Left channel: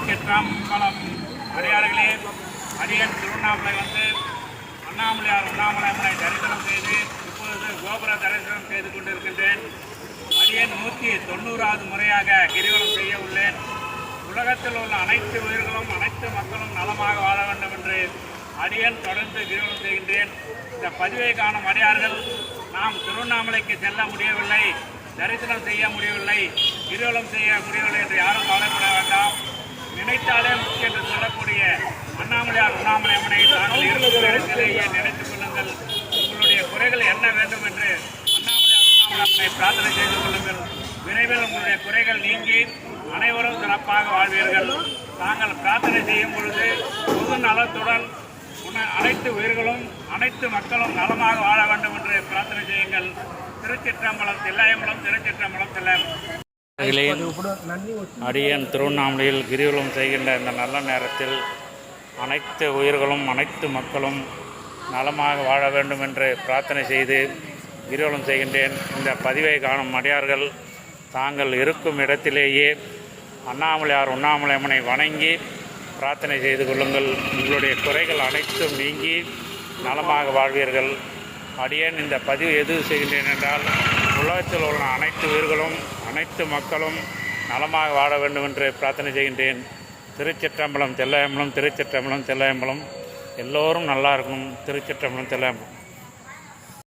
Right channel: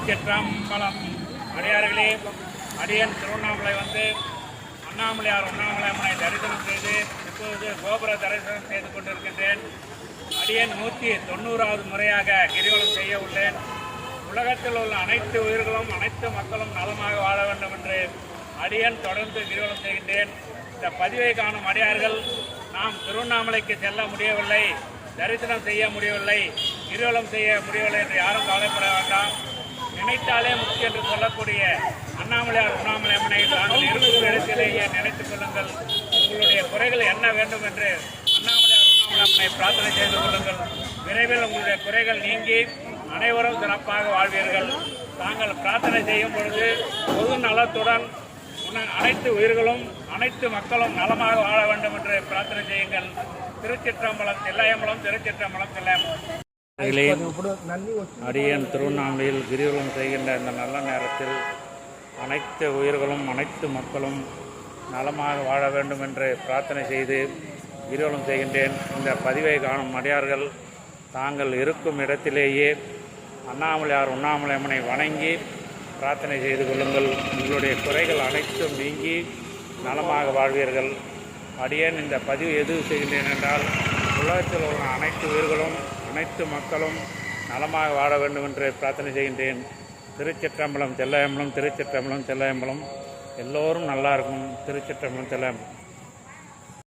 திருச்சிற்றம்பலம் அடியார்களே அடியன் திருவண்ணாமலை வந்து அண்ணாமலையார் அண்ணாமலை அம்மனை தரிசனம் செய்து இப்பொழுது கோபுர தரிசனம் செய்து கொண்டிருக்கின்றேன். அடியன் நூற்றி தொண்ணூறாவது முறையாக கிரிவலம் செய்ய உள்ளேன். உலகத்தில் உள்ள அனைத்து உயிர்களும் அனைத்து மக்களும் நலமாக வாழ வேண்டும் என்று அடியன் தொடர்ந்து கிரிவலம் செய்கின்றேன். இந்த பதிவை காணும் அடியார்கள் நாம் திருவண்ணாமலைக்கு செல்ல முடியவில்லை தரிசனம் செய்ய முடியவில்லை கிரிவலம் செய்ய முடியவில்லை என்று யாரும் கவலைப்பட வேண்டாம். நினைத்தாலே முக்கிய என்று சொல்லக்கூடிய அண்ணாமலையார் உண்ணாமலை அம்மனை தாங்கள் இருக்கும் இடத்திலேயே நினைத்துக் கொள்ளுங்கள். உங்களுடைய குறைகள் என்ன வேண்டும் என்று அண்ணாமலையார் உண்ணாமலை அம்மனை பிரார்த்தனை செய்து கொள்ளுங்கள். விரைவில் உங்களுடைய குறைகள் நீங்கி அனைவரும் சிறப்பாக வாழ்வீர்கள். தாங்கள் பிரார்த்தனை செய்யும் பொழுது பொது நலத்துடன் அனைத்து உயிர்களும் அனைத்து மக்களும் நலமாக வாழ வேண்டும் என்று பிரார்த்தனை செய்யுங்கள். திருச்சிற்றம்பலம் தில்லையம்பலம் திருச்சிற்றம்பலம் தில்லையம்பலம் அகிலேன் அடியன் திருவண்ணாமலையில் கிரிவலம் செய்கின்ற இந்த நல்ல நேரத்தில் அனைத்து உயிர்களும் அனைத்து மக்களும் நலமாக வாழ வேண்டும் என்று பிரார்த்தனை செய்து கிரிவலம் செய்கின்றேன். இந்த பதிவை காணும் அடியார்கள் தாங்கள் இருக்கும் இடத்திலேயே அண்ணாமலையார் உண்ணாமலை அம்மனை வணங்கி பிரார்த்தனை செய்து கொள்ளுங்கள். உங்களுடைய குறைகள் அனைத்தும் நீங்கி நலமாக வாழ்வீர்கள். அடியேன் இந்த பதிவு எது செய்கின்றேன் என்றால் உலகத்தில் உள்ள அனைத்து உயிர்களும் அனைத்து மக்களும் நலமாக வாழ வேண்டும் என்று பிரார்த்தனை செய்கின்றேன். திருச்சிற்றம்பலம் தெல்லையம்பலம் திருச்சிற்றம்பலம் தெல்லையம்பலம். எல்லோரும் நல்லா இருக்கும் திருச்சிற்றம்பலம் தெல்லையம்பலம்.